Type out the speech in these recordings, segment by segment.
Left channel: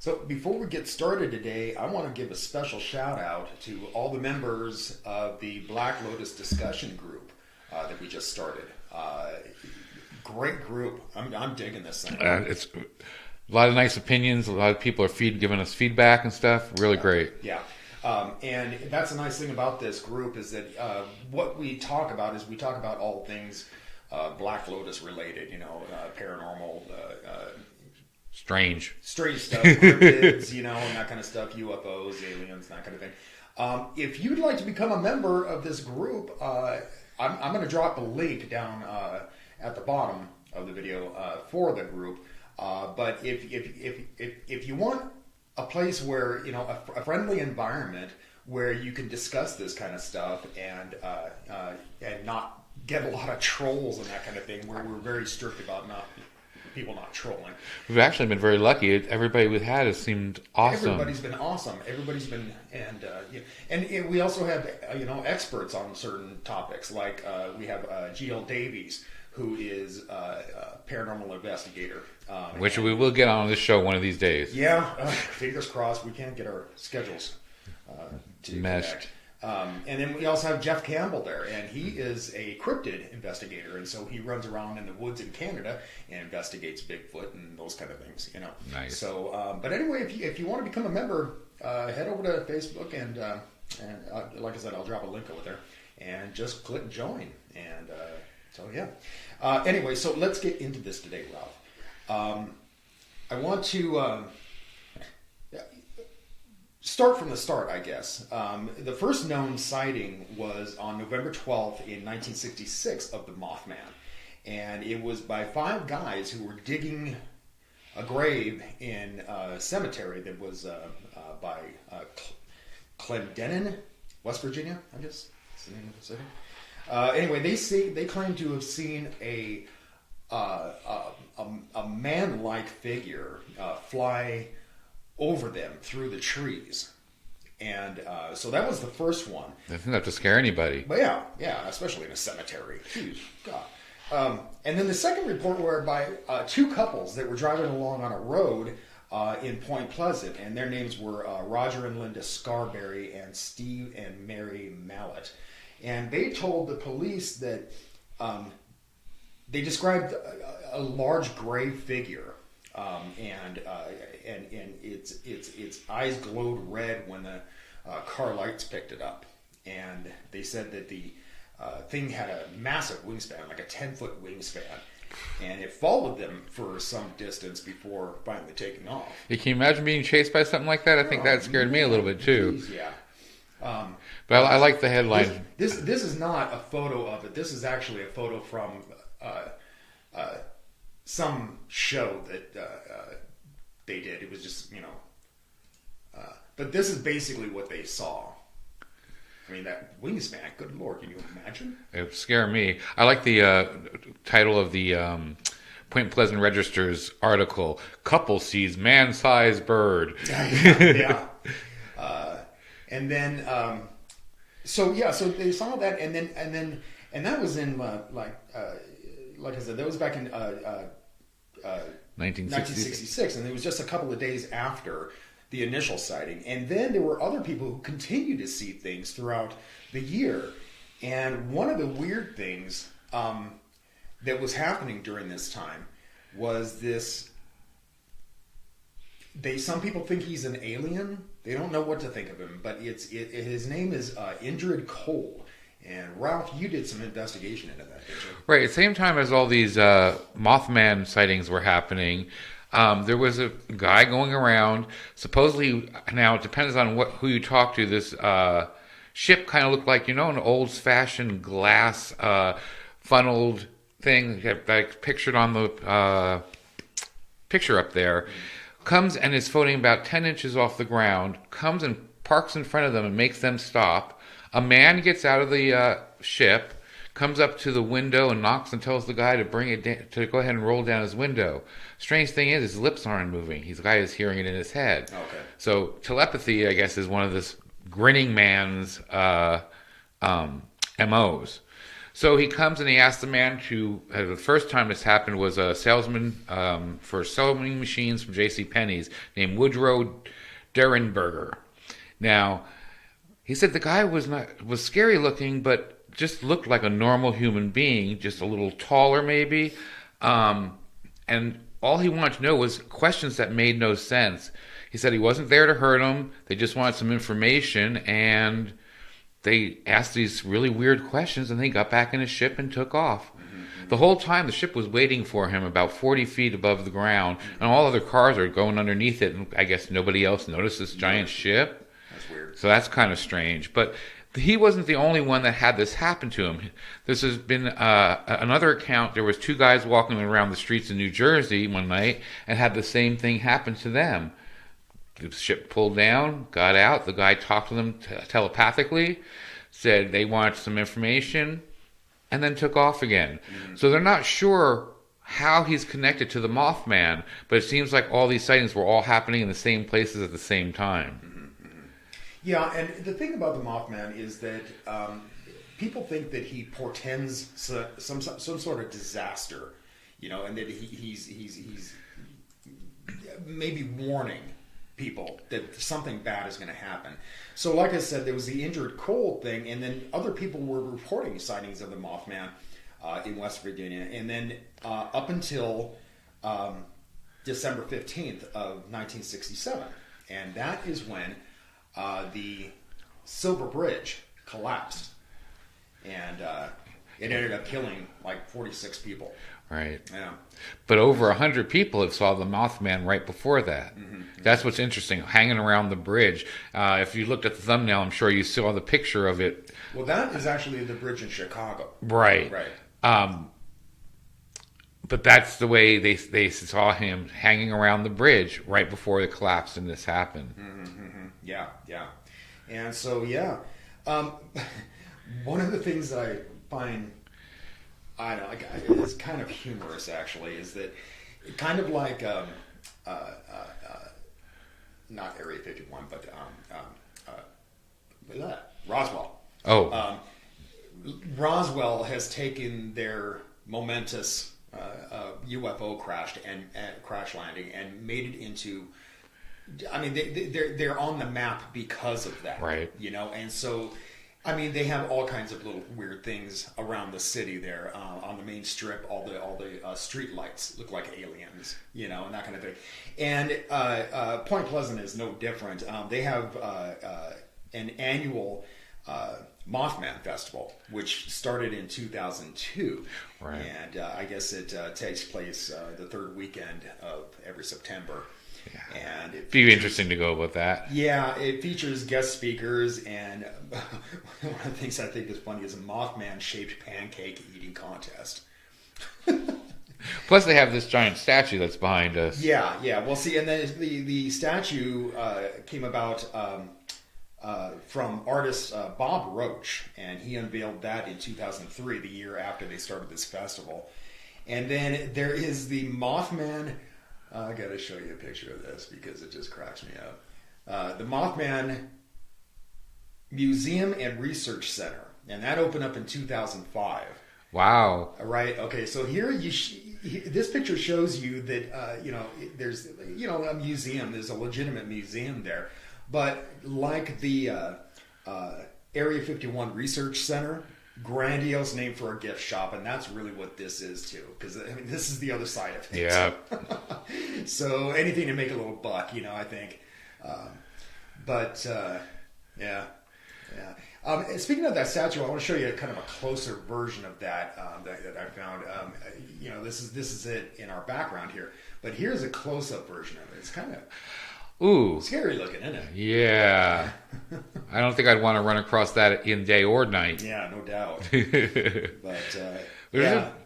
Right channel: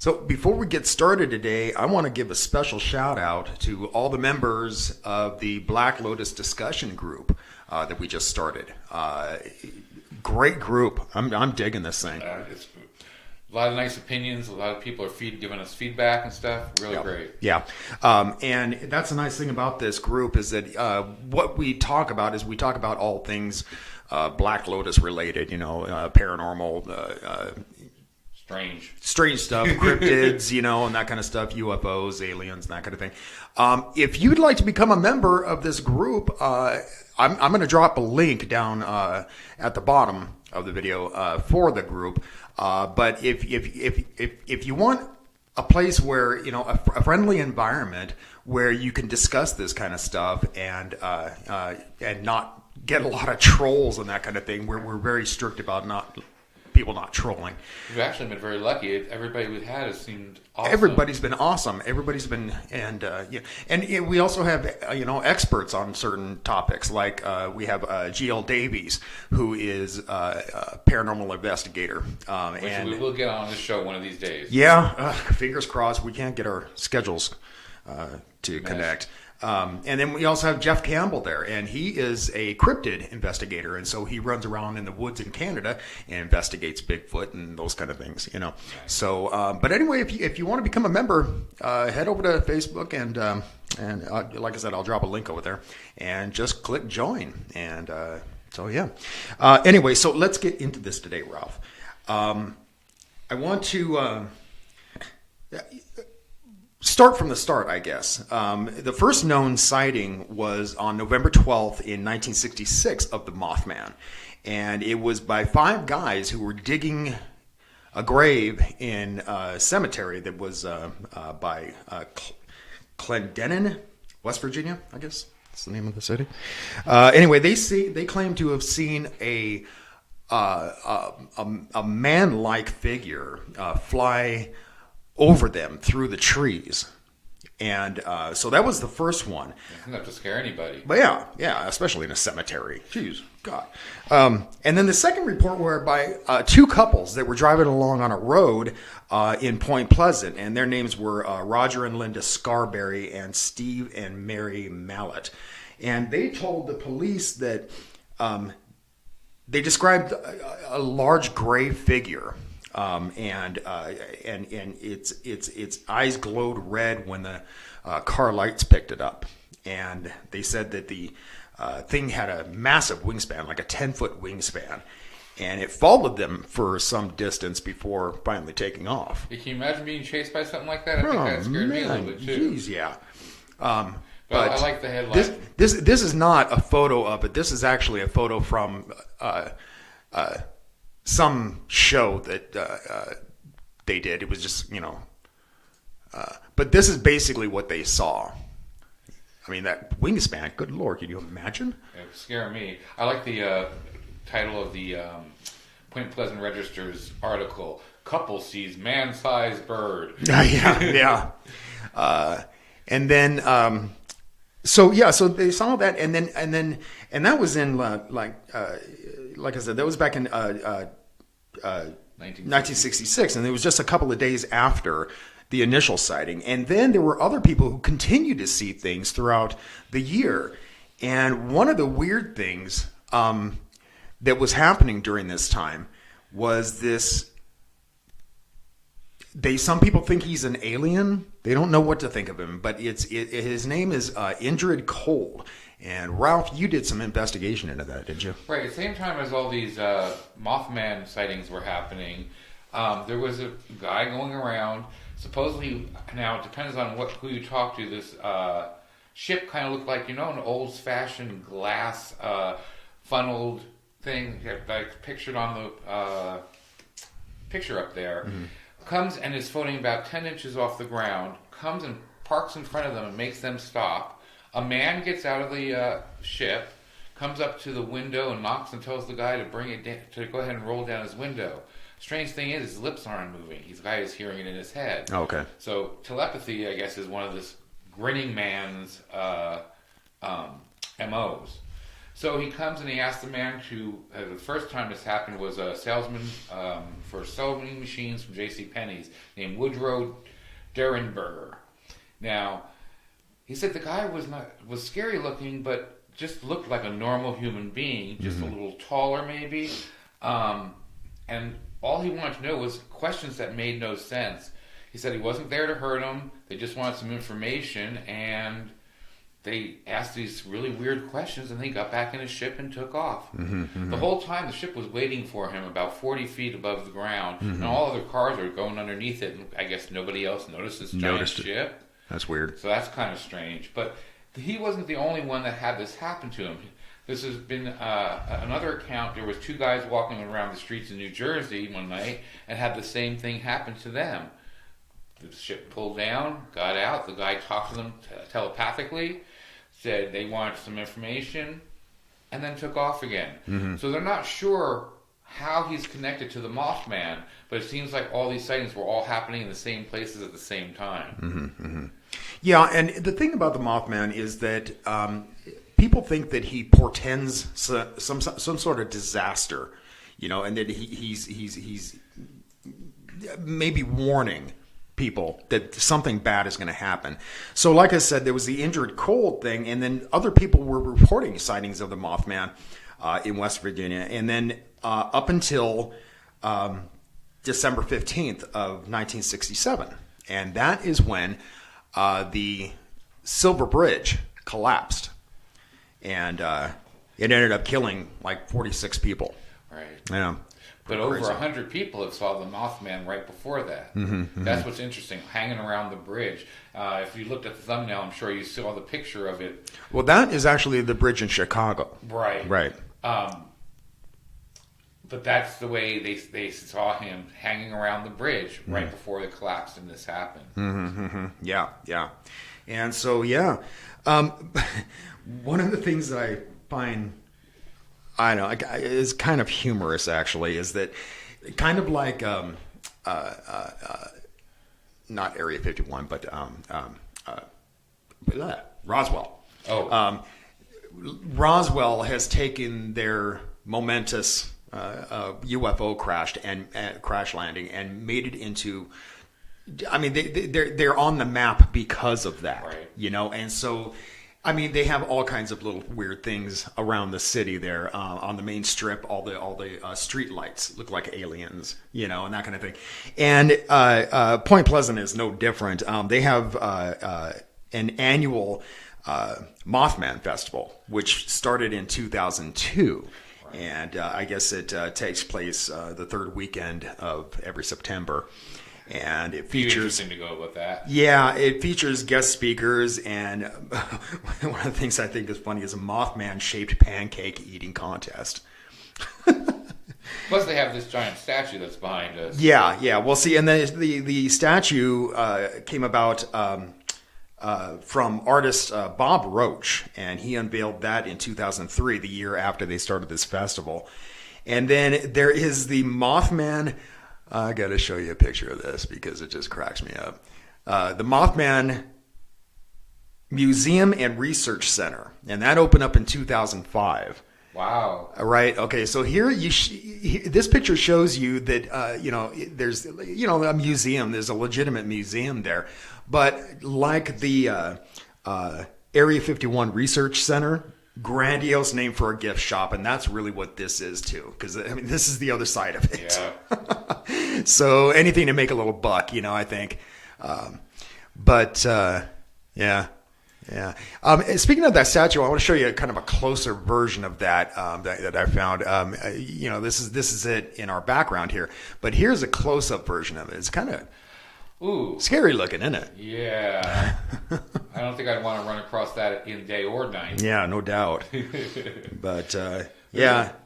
So before we get started today, I want to give a special shout out to all the members of the Black Lotus discussion group that we just started. Great group. I'm digging this thing. It's a lot of nice opinions. A lot of people are giving us feedback and stuff. Really great. Yeah. And that's the nice thing about this group is that what we talk about is we talk about all things Black Lotus related, paranormal, strange stuff, cryptids, and that kind of stuff, UFOs, aliens, that kind of thing. If you'd like to become a member of this group, I'm going to drop a link down at the bottom of the video for the group. But if you want a place where a friendly environment where you can discuss this kind of stuff and not get a lot of trolls and that kind of thing, we're very strict about people not trolling. We've actually been very lucky. Everybody we've had has seemed awesome. Everybody's been awesome. And we also have experts on certain topics. Like we have GL Davies, who is a paranormal investigator, which we will get on this show one of these days. Yeah, fingers crossed. We can't get our schedules to connect. And then we also have Jeff Campbell there, and he is a cryptid investigator, and so he runs around in the woods in Canada and investigates Bigfoot and those kind of things, Nice. So, but anyway, if you want to become a member, head over to Facebook and like I said, I'll drop a link over there, and just click join, and so yeah. Anyway, so let's get into this today, Ralph. I want to. Start from the start, I guess. The first known sighting was on November 12th in 1966 of the Mothman. And it was by 5 guys who were digging a grave in a cemetery that was by Clendenin, West Virginia, I guess. That's the name of the city. Anyway, they claim to have seen a man-like figure fly over them through the trees. And so that was the first one. That's enough to scare anybody. But yeah, especially in a cemetery. Jeez, God. And then the second report whereby 2 couples that were driving along on a road in Point Pleasant, and their names were Roger and Linda Scarberry and Steve and Mary Mallet. And they told the police that they described a large gray figure. And its eyes glowed red when the car lights picked it up, and they said that the thing had a massive wingspan, like a 10-foot wingspan, and it followed them for some distance before finally taking off. Can you imagine being chased by something like that? I think that scared me a little bit too. Geez, yeah. But I like the headline. This is not a photo of it. This is actually a photo from some show that they did. It was just, but this is basically what they saw. I mean, that wingspan, good Lord, can you imagine? It would scare me. I like the title of the Point Pleasant Register's article, Couple Sees Man-Sized Bird. Yeah. And then, so they saw that, and that was in, like I said, that was back in 1966, and it was just a couple of days after the initial sighting. And then there were other people who continued to see things throughout the year. And one of the weird things that was happening during this time was this. Some people think he's an alien. They don't know what to think of him, but his name is Indrid Cold. And Ralph, you did some investigation into that, didn't you? Right. At the same time as all these Mothman sightings were happening, there was a guy going around. Supposedly, now it depends on who you talk to. This ship kind of looked like an old-fashioned glass funneled thing, like pictured on the picture up there. Mm-hmm. Comes and is floating about 10 inches off the ground. Comes and parks in front of them and makes them stop. A man gets out of the ship, comes up to the window and knocks and tells the guy to bring it down, to go ahead and roll down his window. Strange thing is, his lips aren't moving. The guy is hearing it in his head. Okay. So telepathy, I guess, is one of this grinning man's MOs. So he comes and he asks the man to. The first time this happened was a salesman for sewing machines from J.C. Penney's named Woodrow Derenberger. Now, he said the guy was scary looking, but just looked like a normal human being, just a little taller maybe, and all he wanted to know was questions that made no sense. He said he wasn't there to hurt him. They just wanted some information, and they asked these really weird questions, and they got back in his ship and took off. The whole time, the ship was waiting for him about 40 feet above the ground, and all other cars are going underneath it, and I guess nobody else noticed this giant ship. That's weird. So that's kind of strange. But he wasn't the only one that had this happen to him. This has been another account. There was two guys walking around the streets in New Jersey one night and had the same thing happen to them. The ship pulled down, got out. The guy talked to them telepathically, said they wanted some information, and then took off again. So they're not sure how he's connected to the Mothman, but it seems like all these sightings were all happening in the same places at the same time. Yeah, and the thing about the Mothman is that people think that he portends some sort of disaster, and that he's maybe warning people that something bad is going to happen. So like I said, there was the Indrid Cold thing, and then other people were reporting sightings of the Mothman in West Virginia. And then up until December 15th of 1967. And that is when the Silver Bridge collapsed. And it ended up killing like 46 people. Right. Yeah. But over 100 people have saw the Mothman right before that. That's what's interesting, hanging around the bridge. If you looked at the thumbnail, I'm sure you saw the picture of it. Well, that is actually the bridge in Chicago. Right. Right. But that's the way they saw him hanging around the bridge right before it collapsed and this happened. Yeah, yeah. And so, yeah. One of the things that I find... I know it's kind of humorous, actually, is that kind of like not Area 51, but Roswell. Roswell has taken their momentous UFO crash landing and made it into. I mean, they're on the map because of that, right? And so. I mean, they have all kinds of little weird things around the city there on the main strip. All the street lights look like aliens, and that kind of thing. And Point Pleasant is no different. They have an annual Mothman Festival, which started in 2002. Right. And I guess it takes place the third weekend of every September. And it features, be interesting to go with that. Yeah, it features guest speakers, and one of the things I think is funny is a Mothman-shaped pancake eating contest. Plus, they have this giant statue that's behind us. Yeah. Well, see, and the statue came about from artist Bob Roach, and he unveiled that in 2003, the year after they started this festival. And then there is the Mothman. I got to show you a picture of this because it just cracks me up. The Mothman Museum and Research Center, and that opened up in 2005. Wow. Right. Okay. So here this picture shows you that there's a museum. There's a legitimate museum there, but like the Area 51 Research Center. Grandiose name for a gift shop, and that's really what this is too, because I mean this is the other side of it. Yeah. So anything to make a little buck, I think. Yeah. Speaking of that statue, I want to show you kind of a closer version of that that I found. This is it in our background here, but here's a close-up version of it. It's kind of scary looking, isn't it? Yeah. I don't think I'd want to run across that in day or night. Yeah, no doubt. But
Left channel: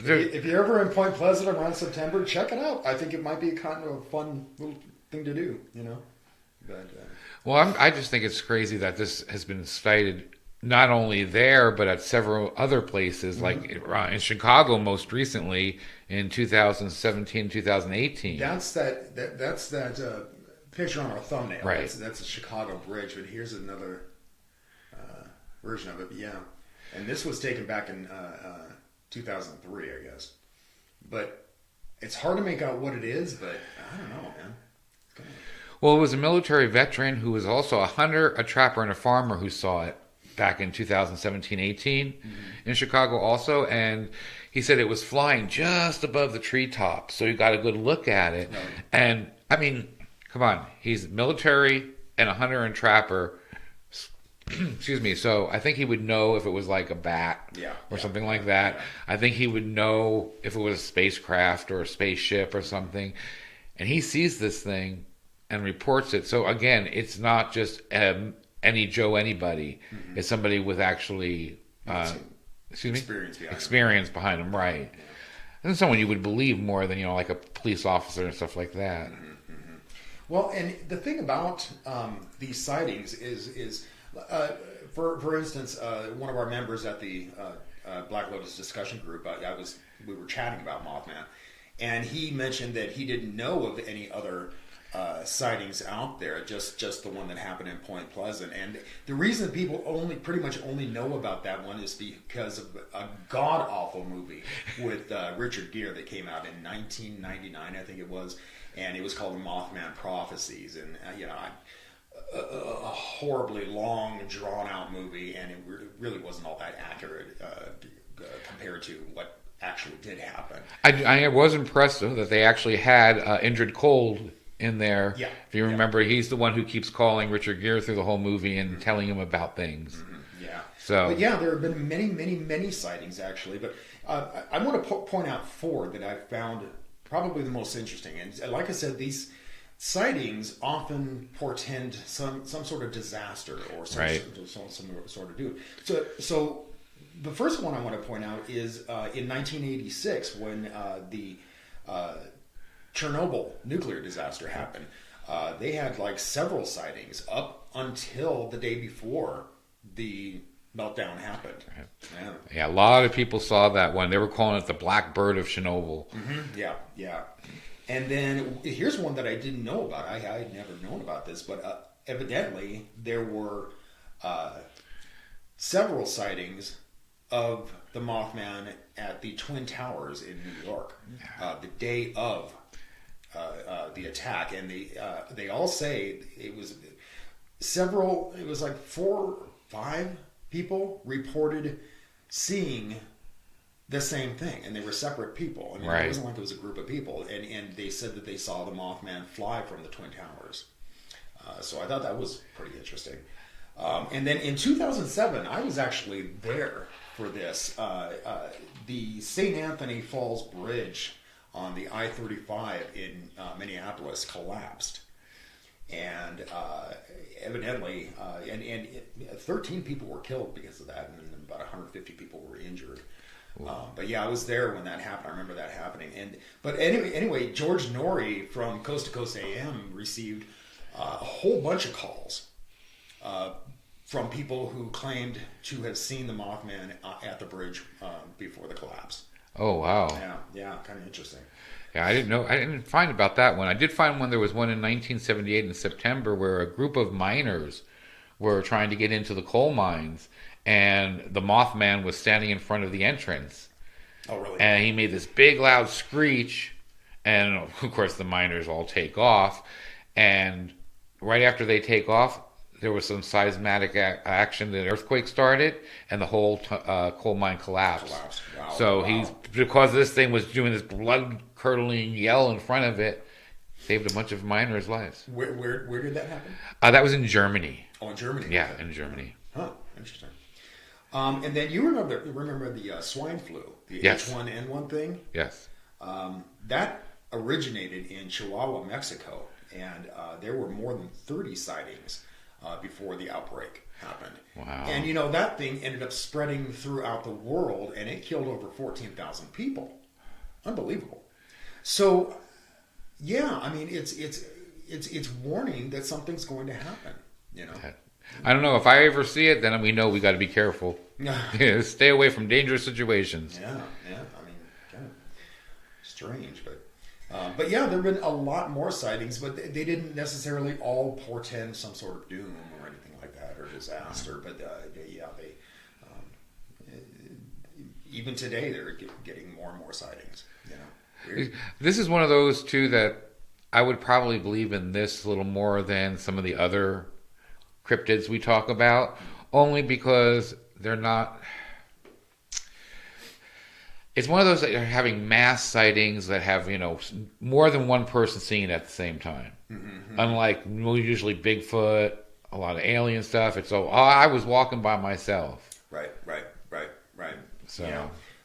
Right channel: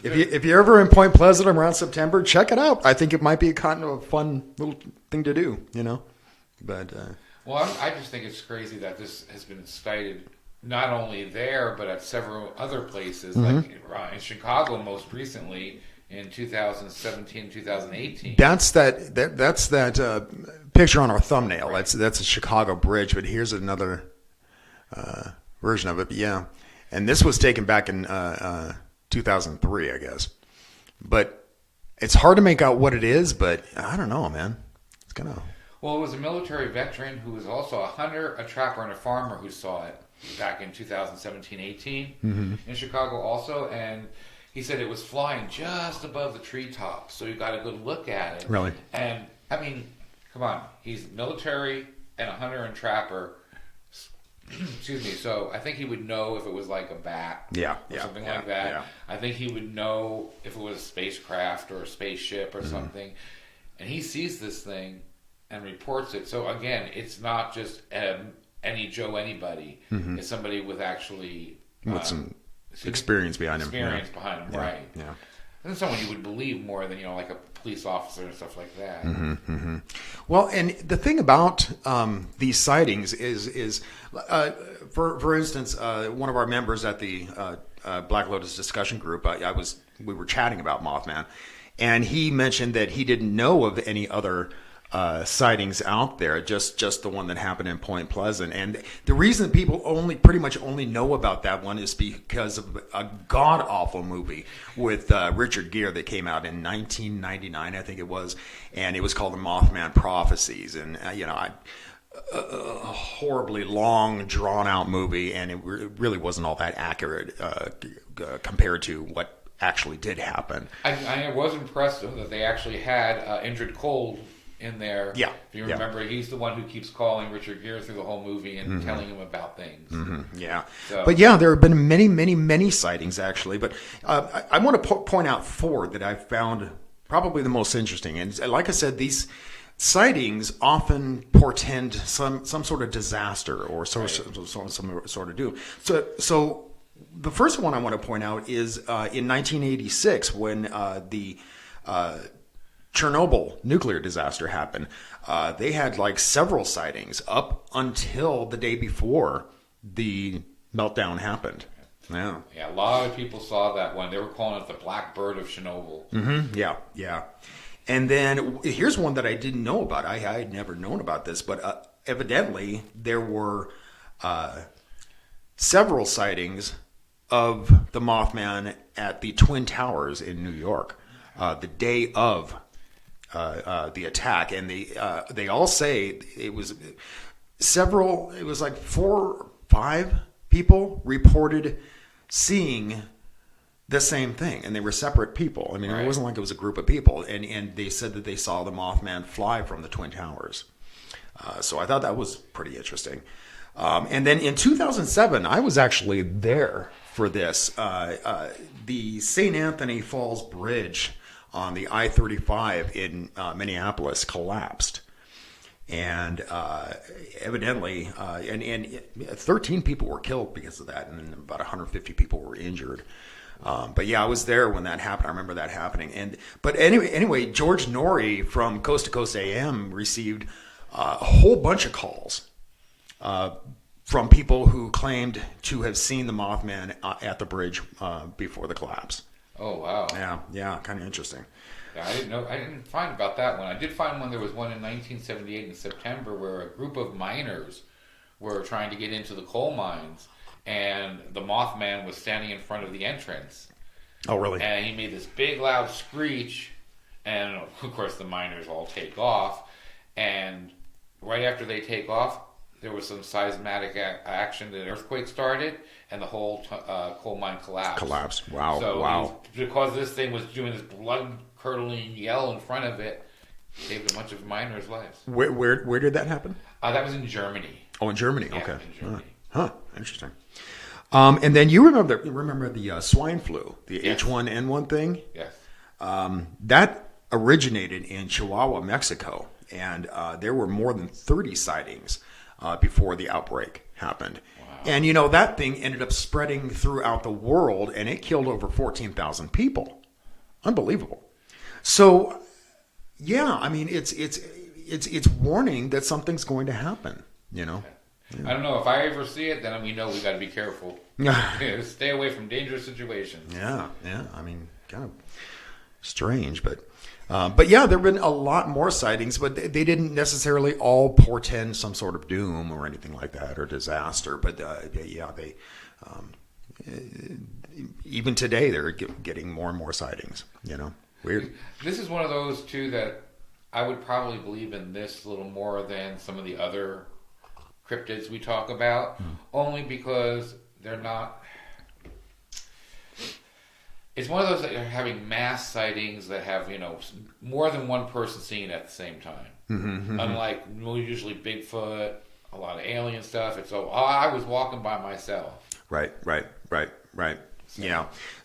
if you're ever in Point Pleasant around September, check it out. I think it might be a kind of a fun little thing to do, But well, I just think it's crazy that this has been cited not only there but at several other places, like in Chicago most recently in 2017, 2018. That's that picture on our thumbnail. Right. That's a Chicago bridge, but here's another version of it. But yeah, And this was taken back in 2003, I guess. But it's hard to make out what it is, but I don't know, man. It's kind of... Well, it was a military veteran who was also a hunter, a trapper, and a farmer who saw it back in 2017-18 in Chicago also. And he said it was flying just above the treetops. So you got a good look at it. Really? And, I mean, come on. He's military and a hunter and trapper. Excuse me. So I think he would know if it was like a bat or something like that. Yeah. I think he would know if it was a spacecraft or a spaceship or something. And he sees this thing and reports it. So again, it's not just any Joe anybody. It's somebody with actually some experience behind him. Experience behind him, right? Yeah. And someone you would believe more than like a police officer and stuff like that. Well, and the thing about these sightings is for instance, one of our members at the Black Lotus discussion group, we were chatting about Mothman, and he mentioned that he didn't know of any other sightings out there, just the one that happened in Point Pleasant. And the reason people pretty much only know about that one is because of a god awful movie with Richard Gere that came out in 1999, I think it was, and it was called The Mothman Prophecies. And a horribly long, drawn out movie, and it really wasn't all that accurate compared to what actually did happen. I was impressed though that they actually had Indrid Cold in there. Yeah. If you remember, he's the one who keeps calling Richard Gere through the whole movie and telling him about things. Yeah. So, but yeah, there have been many, many, many sightings actually. But I want to point out 4 that I found probably the most interesting. And like I said, these sightings often portend some sort of disaster or some sort of doom. So the first one I want to point out is in 1986 when the Chernobyl nuclear disaster happened. They had like several sightings up until the day before the meltdown happened. Yeah, a lot of people saw that one. They were calling it the Black Bird of Chernobyl. Yeah. And then here's one that I didn't know about. I had never known about this, but evidently there were several sightings of the Mothman at the Twin Towers in New York the day of the attack. And they all say it was like 4 or 5 people reported seeing the same thing, and they were separate people. I mean, It wasn't like it was a group of people, and they said that they saw the Mothman fly from the Twin Towers. So I thought that was pretty interesting. And then in 2007, I was actually there for this. The St. Anthony Falls Bridge on the I-35 in Minneapolis collapsed. And evidently, and 13 people were killed because of that, and about 150 people were injured. But yeah, I was there when that happened. I remember that happening. But anyway, George Norrie from Coast to Coast AM received a whole bunch of calls from people who claimed to have seen the Mothman at the bridge before the collapse. Oh wow! Yeah, kind of interesting. Yeah, I didn't know. I didn't find about that one. I did find one. There was one in 1978 in September where a group of miners were trying to get into the coal mines, and the Mothman was standing in front of the entrance. Oh, really? And he made this big, loud screech, and of course the miners all take off. And right after they take off, there was some seismic action. An earthquake started, and the whole coal mine collapsed. Wow. So because this thing was doing this blood-curdling yell in front of it, saved a bunch of miners' lives. Where did that happen? That was in Germany. Oh, in Germany. Yeah, okay. in Germany. Huh. Interesting. And then you remember the swine flu, the H1N1 thing? Yes. That originated in Chihuahua, Mexico, and there were more than 30 sightings before the outbreak happened. Wow. And that thing ended up spreading throughout the world, and it killed over 14,000 people. Unbelievable. So, yeah, I mean, it's warning that something's going to happen. I don't know. If I ever see it, then we know we got to be careful. Stay away from dangerous situations. Yeah. I mean, kind of strange, but yeah, there have been a lot more sightings, but they didn't necessarily all portend some sort of doom or anything like that or disaster. But even today, they're getting more and more sightings. Weird. This is one of those too that I would probably believe in this a little more than some of the other cryptids we talk about, only because they're not. It's one of those that are having mass sightings that have more than one person seeing it at the same time. Unlike usually Bigfoot, a lot of alien stuff. It's I was walking by myself. Right.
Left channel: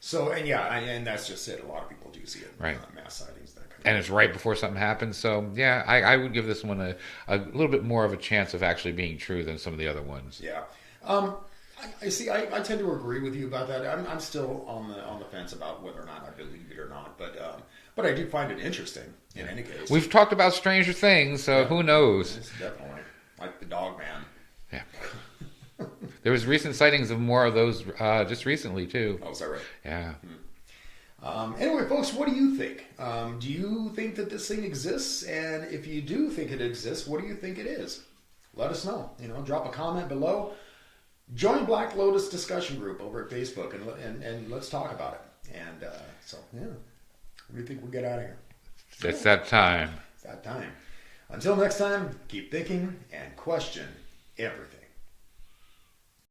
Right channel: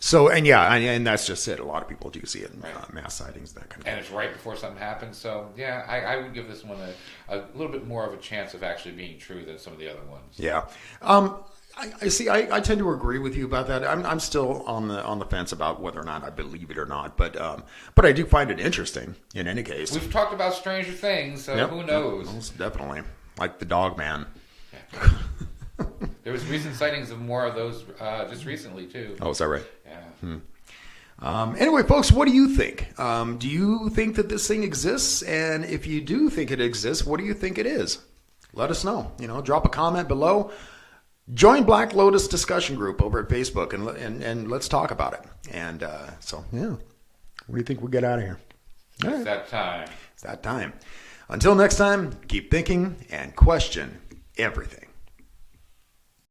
So, And that's just it. A lot of people do see it. Right. Mass sightings, that kind of thing. And it's right before something happens. So, yeah, I would give this one a little bit more of a chance of actually being true than some of the other ones. Yeah. I see. I tend to agree with you about that. I'm still on the fence about whether or not I believe it or not. But I do find it interesting in any case. We've talked about stranger things, so who knows? Most definitely. Like the dog man. Yeah. There was recent sightings of more of those just recently, too. Oh, is that right? Yeah. Anyway, folks, what do you think? Do you think that this thing exists? And if you do think it exists, what do you think it is? Let us know. Drop a comment below. Join Black Lotus discussion group over at Facebook, and let's talk about it. And what do you think we get out of here? It's that time. It's that time. Until next time, keep thinking and question everything.